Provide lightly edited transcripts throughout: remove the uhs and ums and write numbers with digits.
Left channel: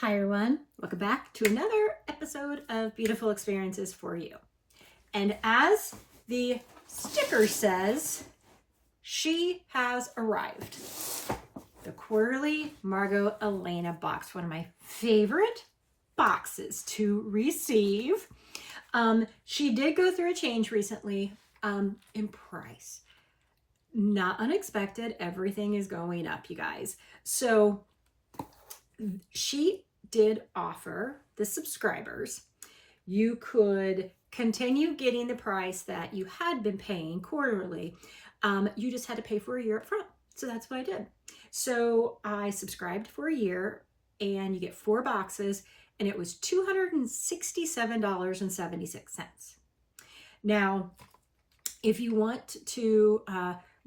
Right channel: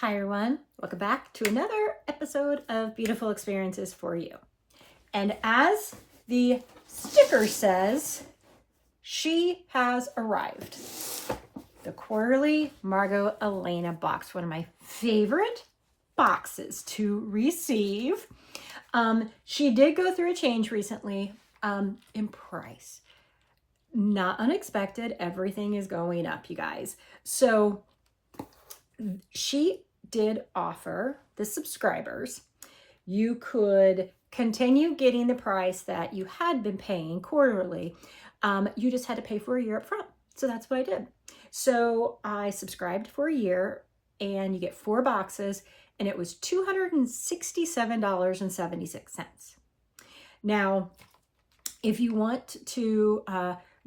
Hi everyone, welcome back to another episode of Beautiful Experiences for You. And as the sticker says, she has arrived. The quarterly Margot Elena box, one of my favorite boxes to receive. She did go through a change recently in price. Not unexpected, everything is going up, you guys. So she did offer the subscribers, you could continue getting the price that you had been paying quarterly. You just had to pay for a year up front. So that's what I did. So I subscribed for a year and you get 4 boxes and it was $267.76. Now, if you want to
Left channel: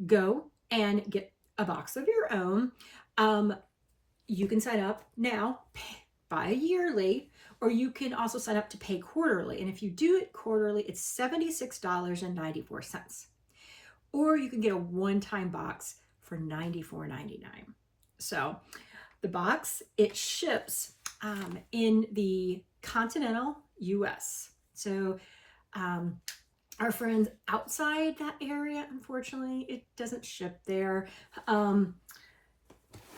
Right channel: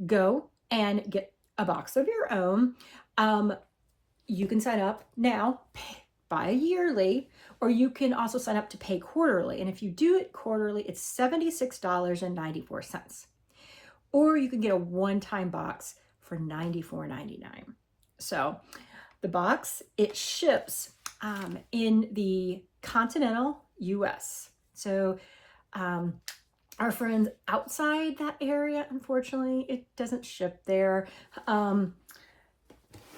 go and get a box of your own, you can sign up now, buy yearly, or you can also sign up to pay quarterly. And if you do it quarterly, it's $76.94. Or you can get a one-time box for $94.99. So the box, it ships in the continental US. So our friends outside that area, unfortunately, it doesn't ship there.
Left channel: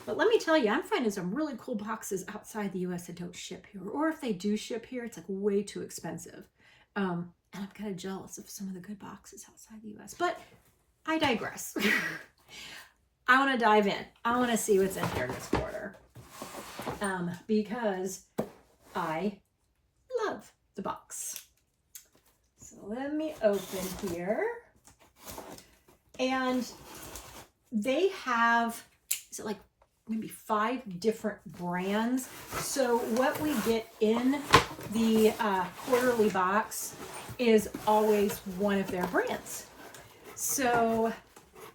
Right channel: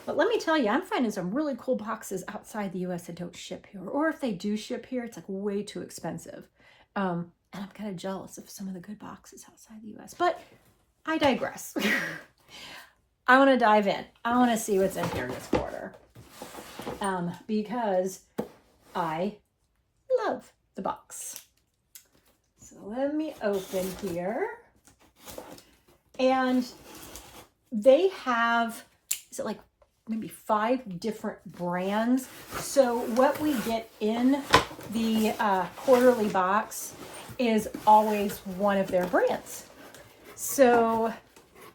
But let me tell you, I'm finding some really cool boxes outside the US that don't ship here. Or if they do ship here, it's like way too expensive. And I'm kind of jealous of some of the good boxes outside the US. But I digress. I want to dive in. I want to see what's in here this quarter. Because I love the box. So let me open here. And they have, is it like maybe 5 different brands. So what we get in the quarterly box is always one of their brands. So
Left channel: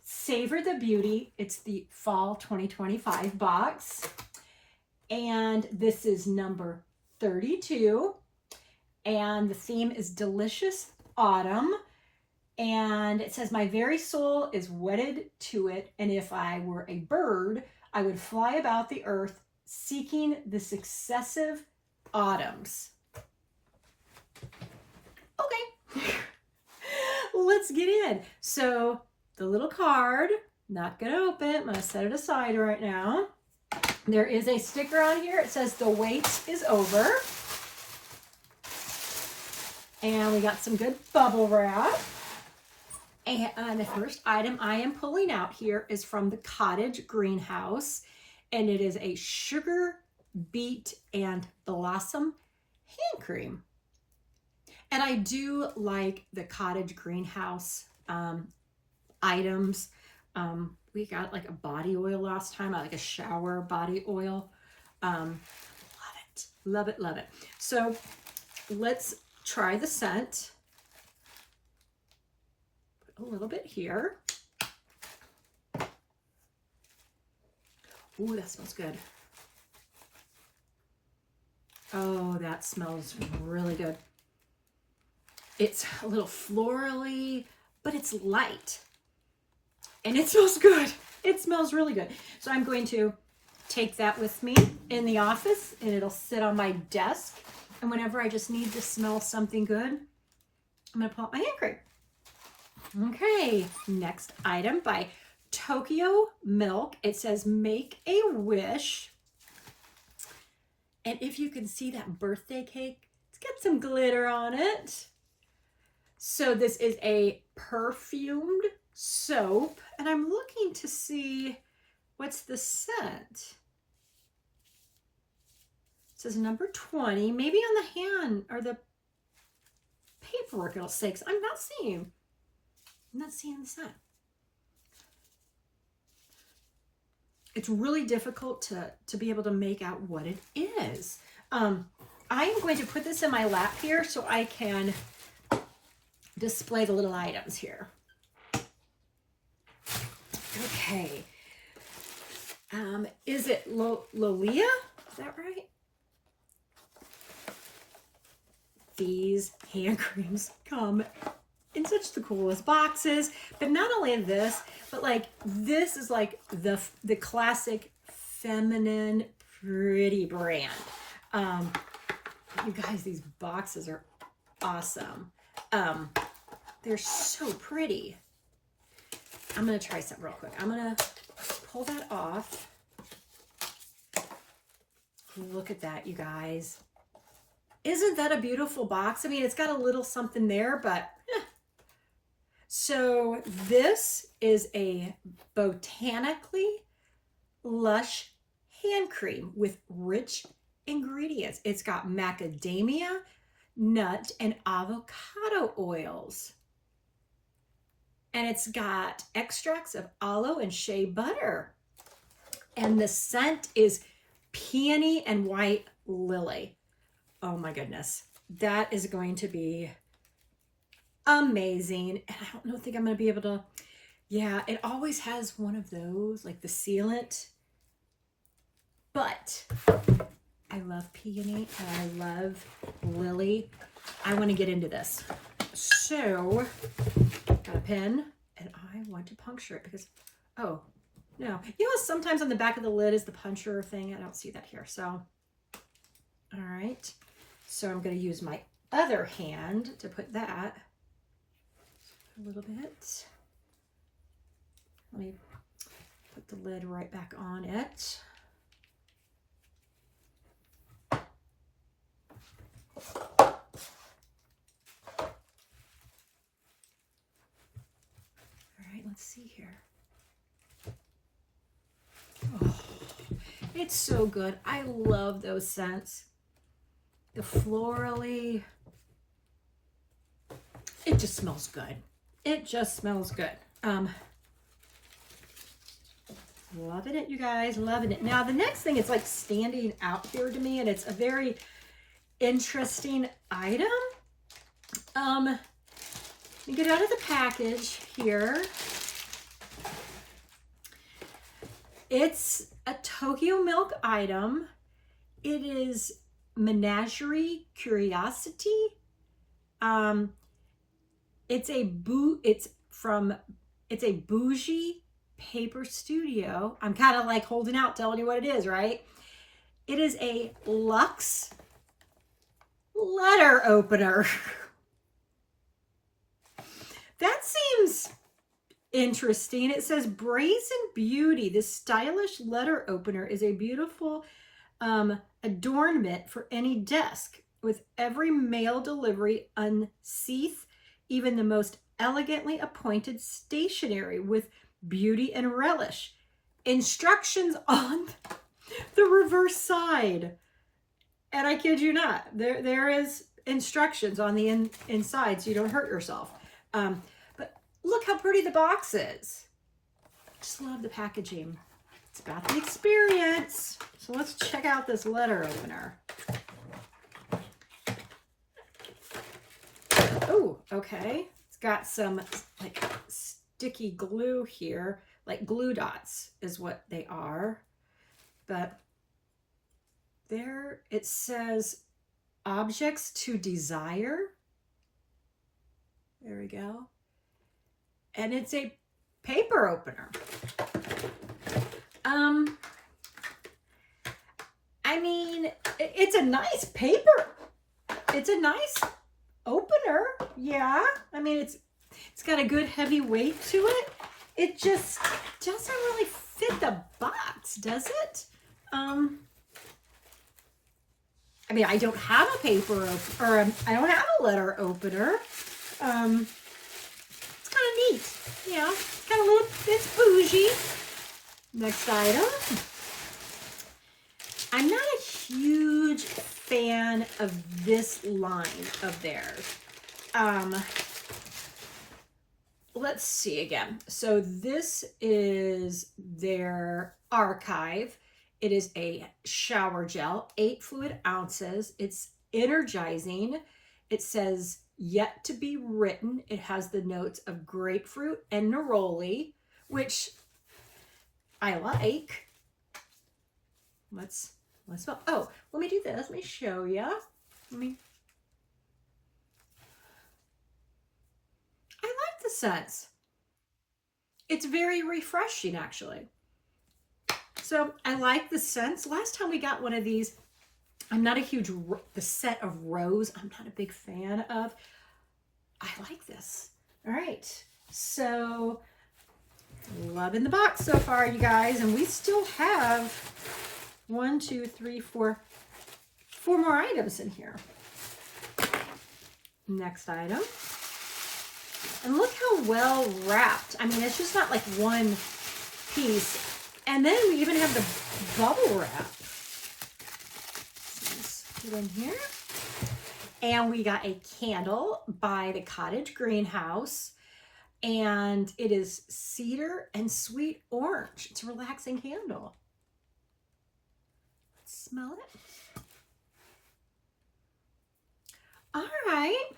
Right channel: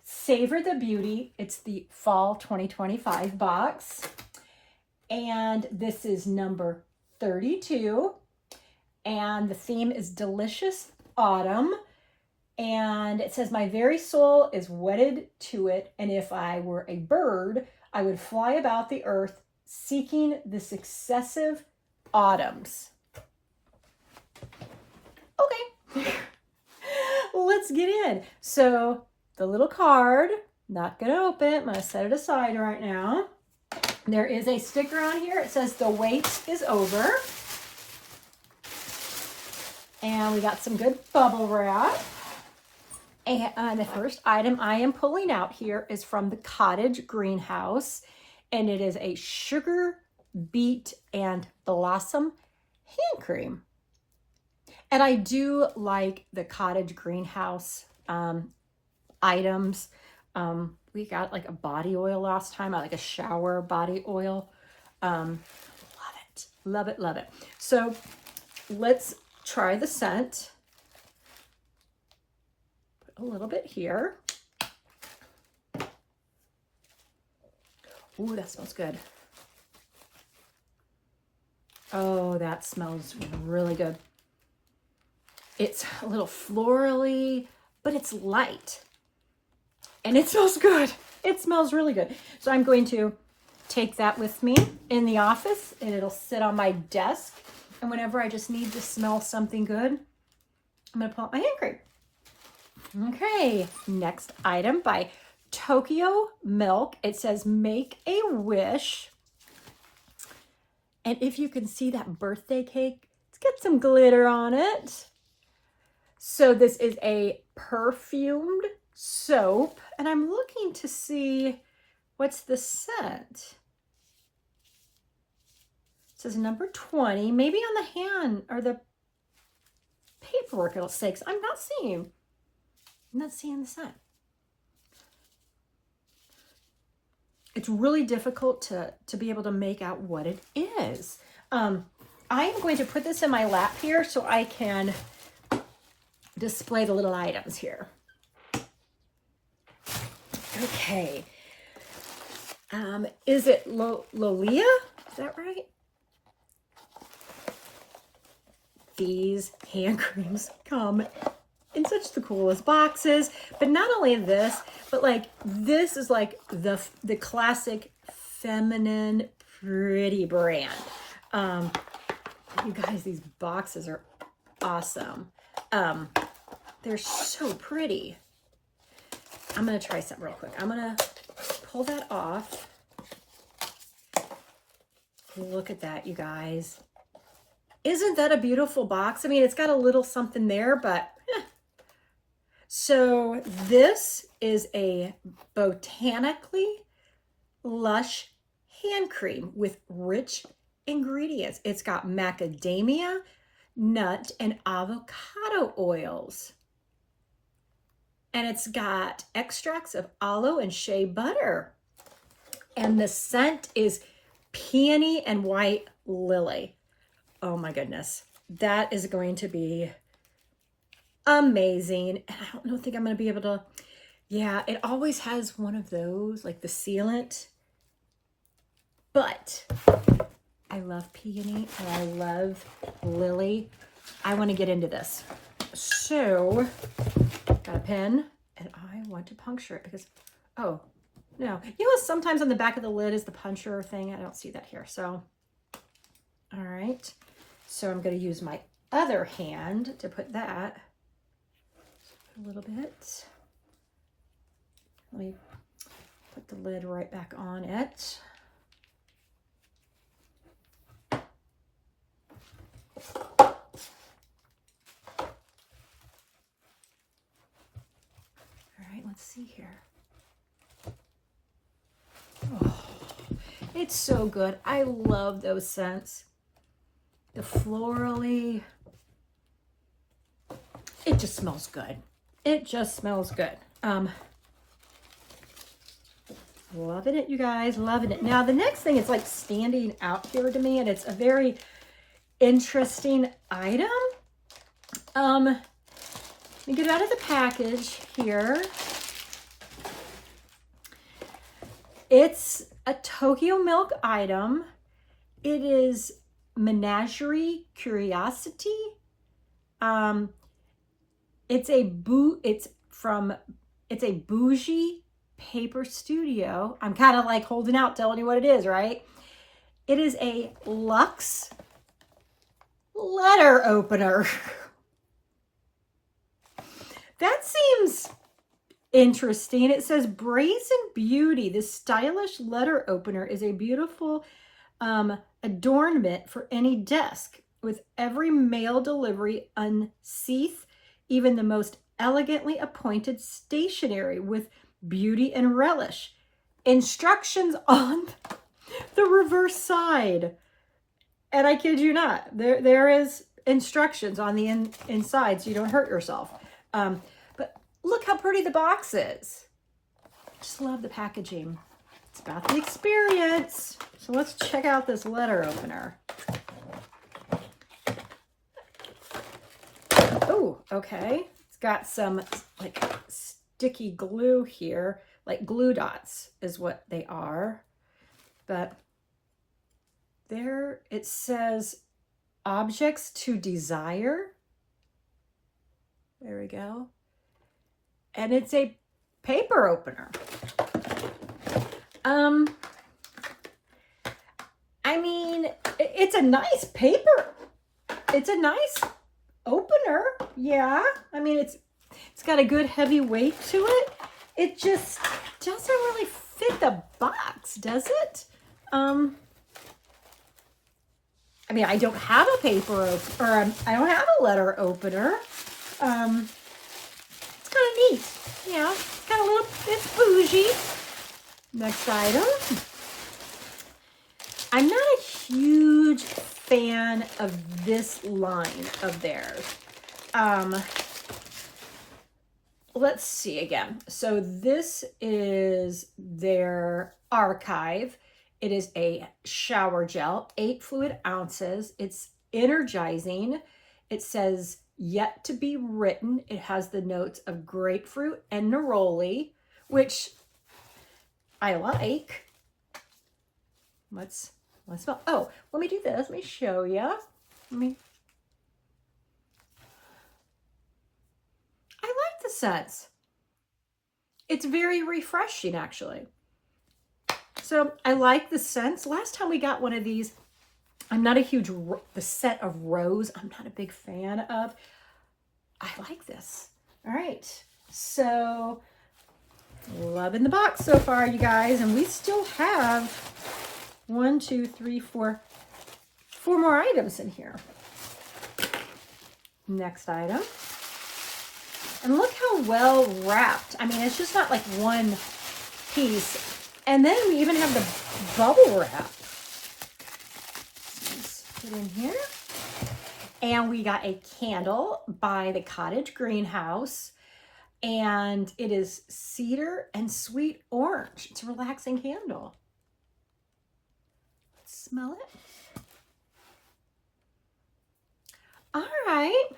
Savor the Beauty, it's the fall 2025 box. And this is number 32. And the theme is Delicious Autumn. And it says, my very soul is wedded to it. And if I were a bird, I would fly about the earth seeking the successive autumns. Okay, let's get in. So the little card, not going to open it. I'm going to set it aside right now. There is a sticker on here. It says the wait is over. And we got some good bubble wrap. And the first item I am pulling out here is from the Cottage Greenhouse, and it is a sugar beet and blossom hand cream. And I do like the Cottage Greenhouse items. We got like a body oil last time. I like a shower body oil. Love it, love it, love it. So let's try the scent. A little bit here. Ooh, that smells good. Oh, that smells really good. It's a little florally, but it's light. And it smells good. It smells really good. So I'm going to take that with me in the office and it'll sit on my desk. And whenever I just need to smell something good, I'm going to pull out my hand cream. Okay, next item by Tokyo Milk. It says make a wish. And if you can see that birthday cake, it's got some glitter on it. So this is a perfumed soap. And I'm looking to see what's the scent. It says number 20. Maybe on the hand or the paperwork it'll say, 'cause I'm not seeing the scent. It's really difficult to be able to make out what it is. I am going to put this in my lap here so I can display the little items here. Okay. Is it Lollia? Is that right? These hand creams come in such the coolest boxes, but not only this, but like this is like the classic feminine pretty brand. You guys, these boxes are awesome. They're so pretty. I'm going to try something real quick. I'm going to pull that off. Look at that, you guys. Isn't that a beautiful box? I mean, it's got a little something there, but So this is a botanically lush hand cream with rich ingredients. It's got macadamia, nut, and avocado oils. And it's got extracts of aloe and shea butter. And the scent is peony and white lily. Oh my goodness. That is going to be amazing. And I don't think I'm going to be able to, yeah, it always has one of those, like the sealant. But I love peony and I love lily. I want to get into this. So, got a pen and I want to puncture it because, oh, no. You know, sometimes on the back of the lid is the puncher thing. I don't see that here. So, all right. So I'm going to use my other hand to put that a little bit. Let me put the lid right back on it. All right, let's see here. Oh, it's so good. I love those scents. The florally, it just smells good. It just smells good. Loving it, you guys, loving it. Now, the next thing is like standing out here to me, and it's a very interesting item. Let me get out of the package here. It's a Tokyo Milk item. It is Menagerie Curiosity. It's a bougie paper studio. I'm kind of like holding out, telling you what it is, right? It is a luxe letter opener. That seems interesting. It says Brazen Beauty. This stylish letter opener is a beautiful adornment for any desk. With every mail delivery, unseath even the most elegantly appointed stationery with beauty and relish. Instructions on the reverse side. And I kid you not, there is instructions on the inside so you don't hurt yourself. But look how pretty the box is. I just love the packaging. It's got the experience. So let's check out this letter opener. Oh, okay. It's got some like sticky glue here, like glue dots is what they are. But there it says objects to desire. There we go. And it's a paper opener. I mean, it's a nice paper. It's a nice opener. Yeah. I mean, it's got a good heavy weight to it. It just doesn't really fit the box, does it? I mean, I don't have a paper or I don't have a letter opener. It's kind of neat. Yeah, got a little bit bougie. Next item. I'm not a huge fan of this line of theirs. Let's see again. So this is their archive. It is a shower gel, 8 fluid ounces. It's energizing. It says yet to be written. It has the notes of grapefruit and neroli, which I like. Let's smell. Oh, let me do this. Let me show you. I like the scents. It's very refreshing, actually. So I like the scents. Last time we got one of these, I'm not a huge, the set of rose, I'm not a big fan of. I like this. All right. So, loving the box so far, you guys. And we still have 1, 2, 3, 4 more items in here. Next item. And look how well wrapped. I mean, it's just not like one piece. And then we even have the bubble wrap. Let's put it in here. And we got a candle by the Cottage Greenhouse. And it is cedar and sweet orange. It's a relaxing candle. Let's smell it. All right.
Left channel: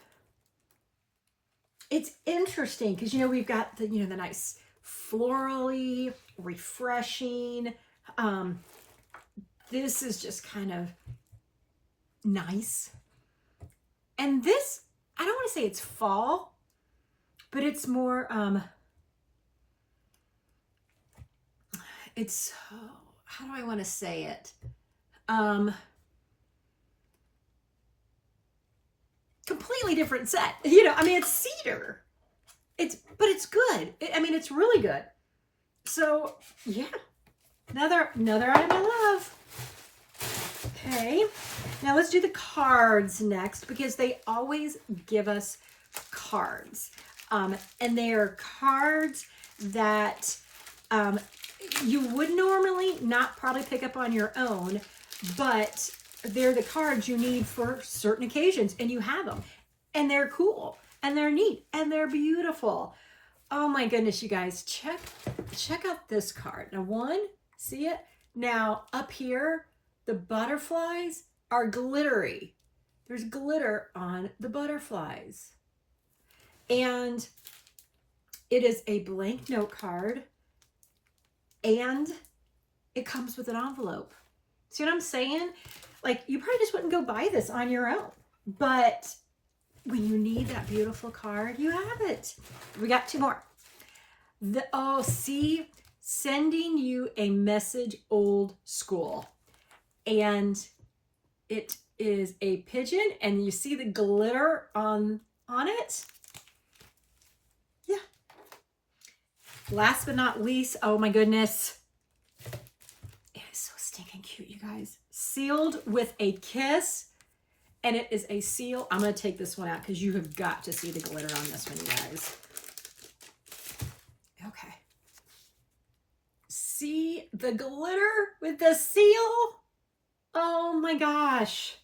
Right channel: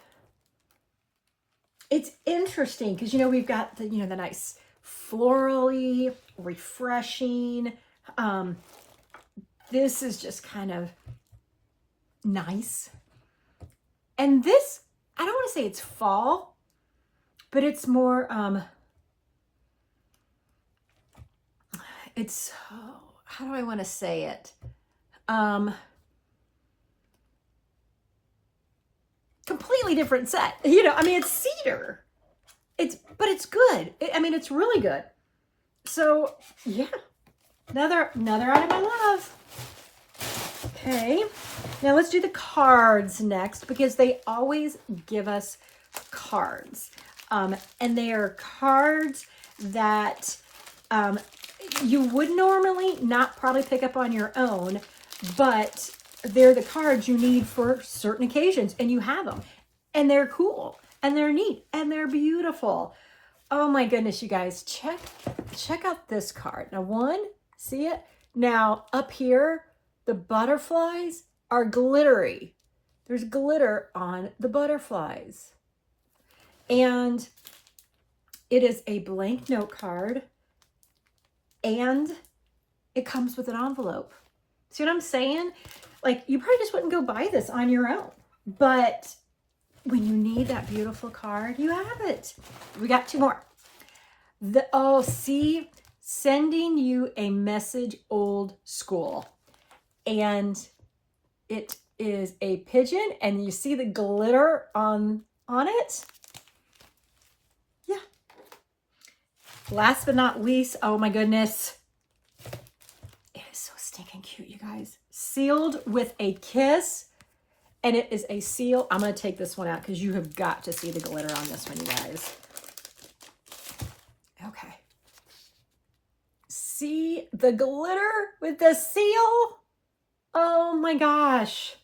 It's interesting because, you know, we've got the, you know, the nice florally, refreshing. This is just kind of nice. And this, I don't want to say it's fall, but it's more, it's, how do I want to say it? Completely different set. You know, I mean, it's cedar. But it's good. I mean, it's really good. So, yeah. Another item I love. Okay. Now let's do the cards next because they always give us cards. And they are cards that you would normally not probably pick up on your own, but they're the cards you need for certain occasions, and you have them. And they're cool, and they're neat, and they're beautiful. Oh my goodness, you guys, check out this card. Now, one, see it? Now, up here, the butterflies are glittery. There's glitter on the butterflies. And it is a blank note card, and it comes with an envelope. See what I'm saying? Like, you probably just wouldn't go buy this on your own, but when you need that beautiful card, you have it. We got 2 more. Oh, see, sending you a message old school. And it is a pigeon, and you see the glitter on it. Yeah. Last but not least, oh my goodness. It is so stinking cute, you guys. Sealed with a kiss. And it is a seal. I'm going to take this one out because you have got to see the glitter on this one, you guys. Okay. See the glitter with the seal? Oh my gosh.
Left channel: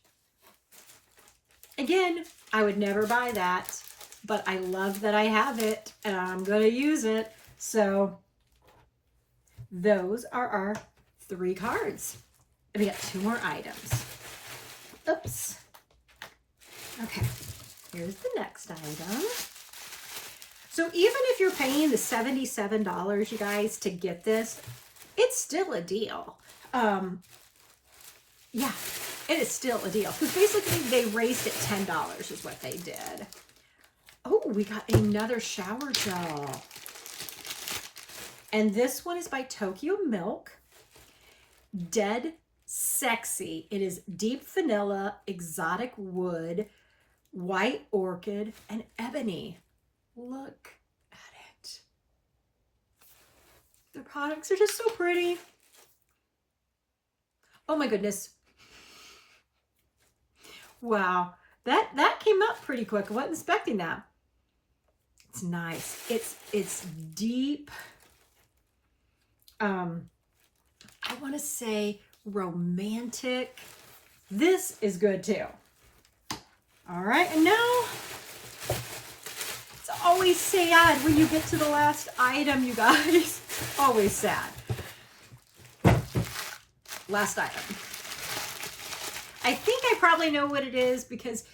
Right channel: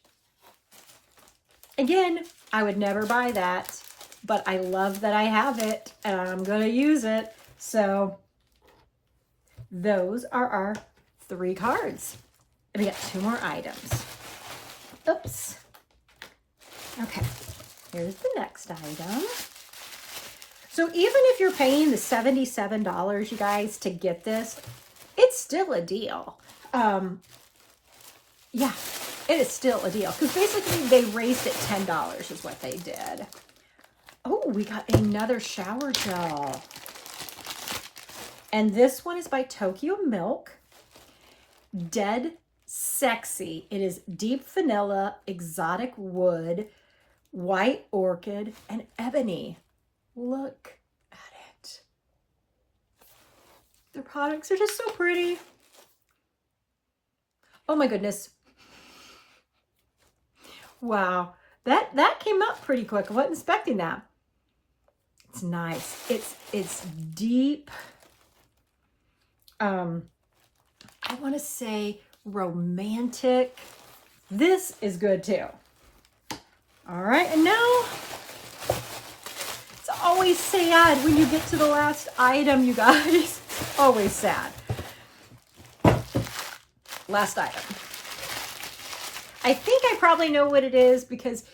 Again, I would never buy that, but I love that I have it and I'm going to use it. So those are our 3 cards. And we got 2 more items. Oops. Okay, here's the next item. So even if you're paying the $77, you guys, to get this, it's still a deal. Yeah, it is still a deal. Because basically they raised it $10 is what they did. Oh, we got another shower gel. And this one is by Tokyo Milk. Dead Sexy. It is deep vanilla, exotic wood, white orchid, and ebony. Look at it. The products are just so pretty. Oh my goodness. Wow. That came up pretty quick. I wasn't expecting that. It's nice. It's deep. I want to say romantic. This is good too. All right, and now it's always sad when you get to the last item, you guys. Always sad. Last item. I think I probably know what it is because,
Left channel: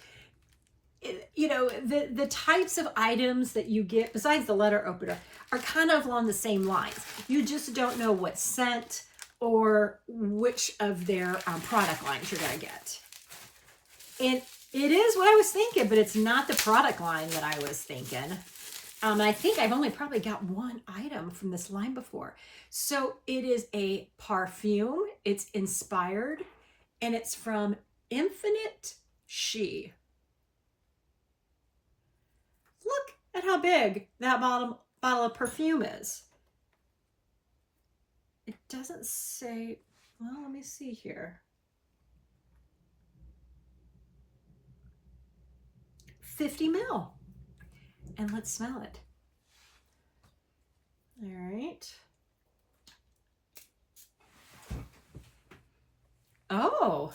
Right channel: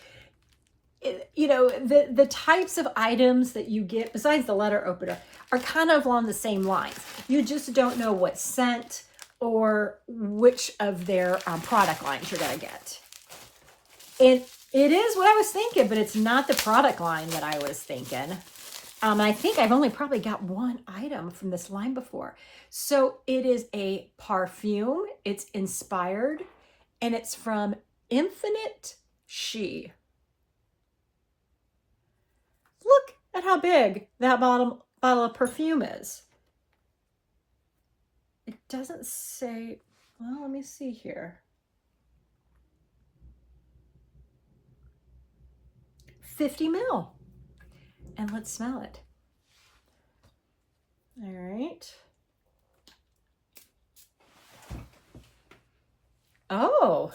you know, the types of items that you get, besides the letter opener, are kind of along the same lines. You just don't know what scent or which of their product lines you're going to get. And it is what I was thinking, but it's not the product line that I was thinking. I think I've only probably got 1 item from this line before. So it is a perfume. It's inspired, and it's from Infinite She. Look at how big that bottle of perfume is. It doesn't say, well, let me see here. 50 ml. And let's smell it. All right. Oh,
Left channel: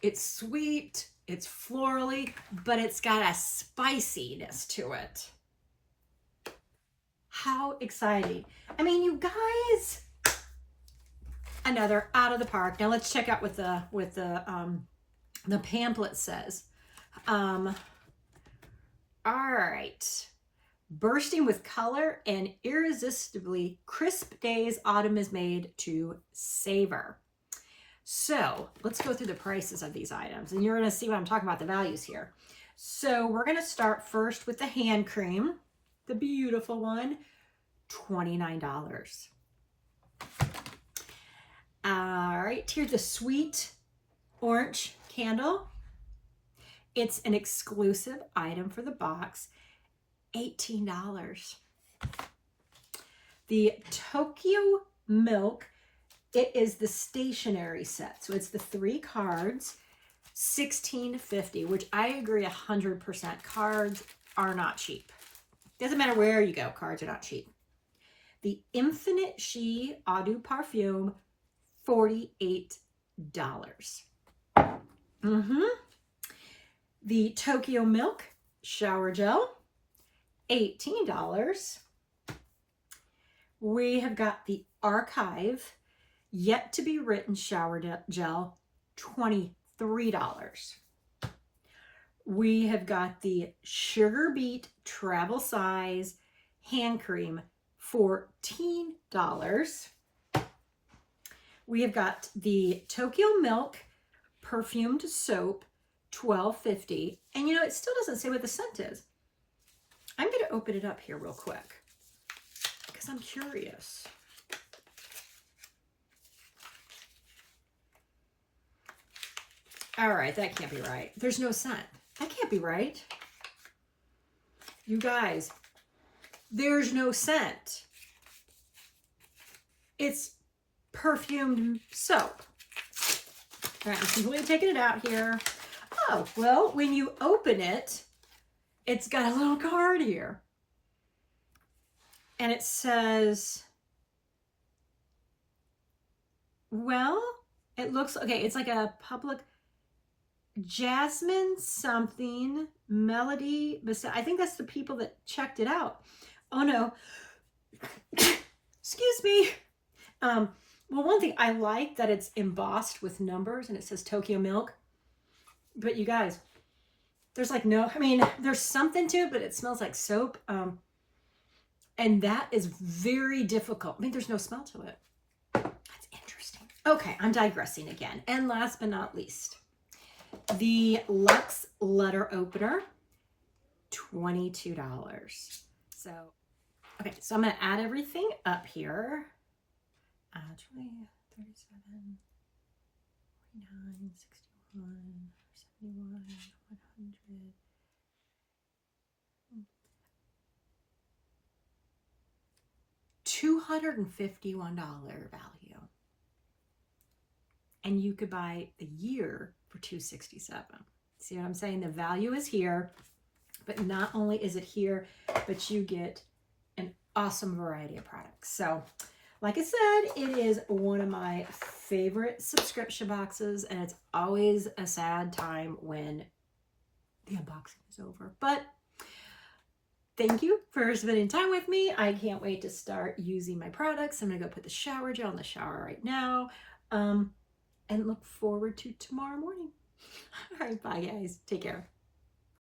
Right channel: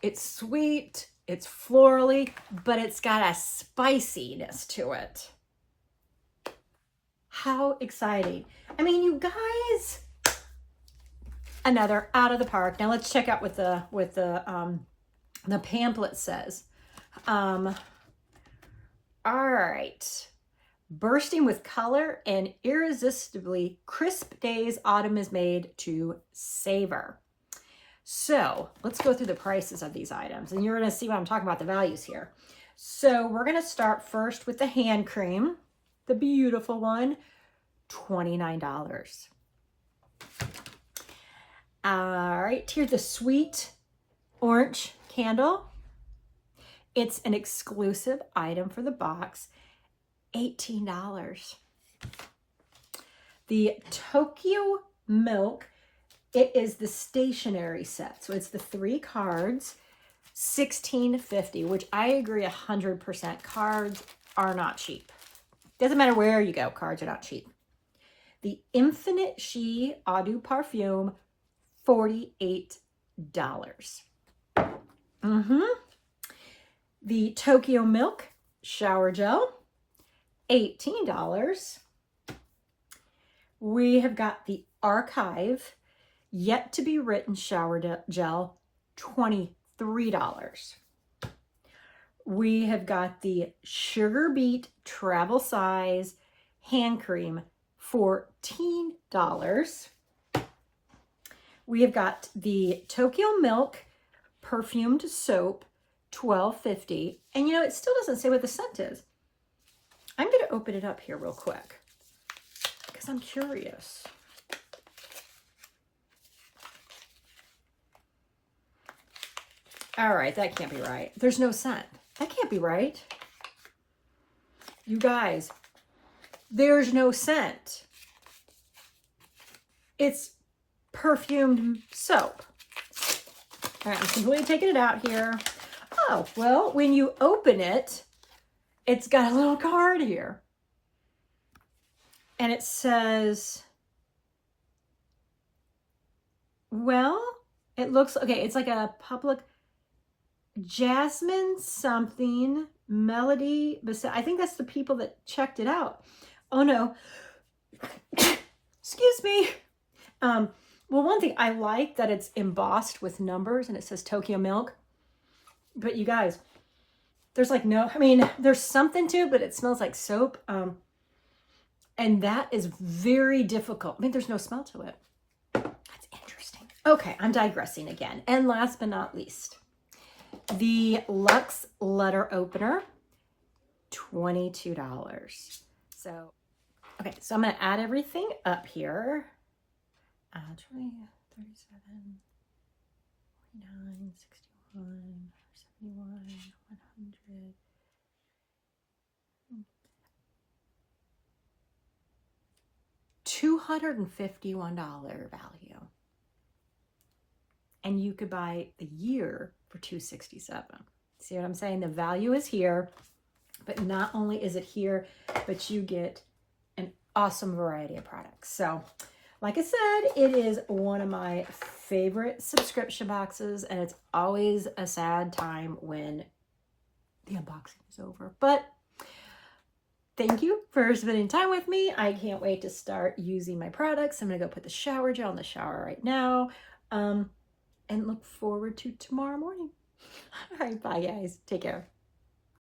it's sweet, it's florally, but it's got a spiciness to it. How exciting. I mean, you guys, another out of the park. Now let's check out what the pamphlet says. All right. Bursting with color and irresistibly crisp days, autumn is made to savor. So let's go through the prices of these items, and you're going to see what I'm talking about, the values here. So we're going to start first with the hand cream, the beautiful one, $29. All right, here's the sweet orange candle. It's an exclusive item for the box, $18. The Tokyo Milk, it is the stationery set. So it's the 3 cards, $16.50, which I agree 100%. Cards are not cheap. Doesn't matter where you go, cards are not cheap. The Infinite She Eau de Parfum, $48. The Tokyo Milk Shower Gel, $18. We have got the Archive Yet to Be Written Shower Gel, $23. We have got the Sugar Beet Travel Size Hand Cream, $14. We have got the Tokyo Milk Perfumed Soap, $12.50. And you know, it still doesn't say what the scent is. I'm going to open it up here real quick because I'm curious. All right, that can't be right. There's no scent. That can't be right. You guys, there's no scent. It's perfumed soap. All right, I'm completely taking it out here. Oh, well, when you open it, it's got a little card here. And it says, well, it looks, okay, it's like a public Jasmine something, Melody, I think that's the people that checked it out. Oh no, excuse me. Well, one thing I like that it's embossed with numbers and it says Tokyo Milk. But you guys, there's like no, I mean, there's something to it, but it smells like soap. And that is very difficult. I mean, there's no smell to it. That's interesting. Okay, I'm digressing again. And last but not least, the Luxe Letter Opener, $22. So, okay, so I'm going to add everything up here. 20, 37, 49, 61, 71, 100. $251 value. And you could buy the year for $267. See what I'm saying? The value is here, but not only is it here, but you get an awesome variety of products. So, like I said, it is one of my favorite subscription boxes, and it's always a sad time when the unboxing is over. But thank you for spending time with me. I can't wait to start using my products. I'm going to go put the shower gel in the shower right now. And look forward to tomorrow morning. All right, bye guys. Take care.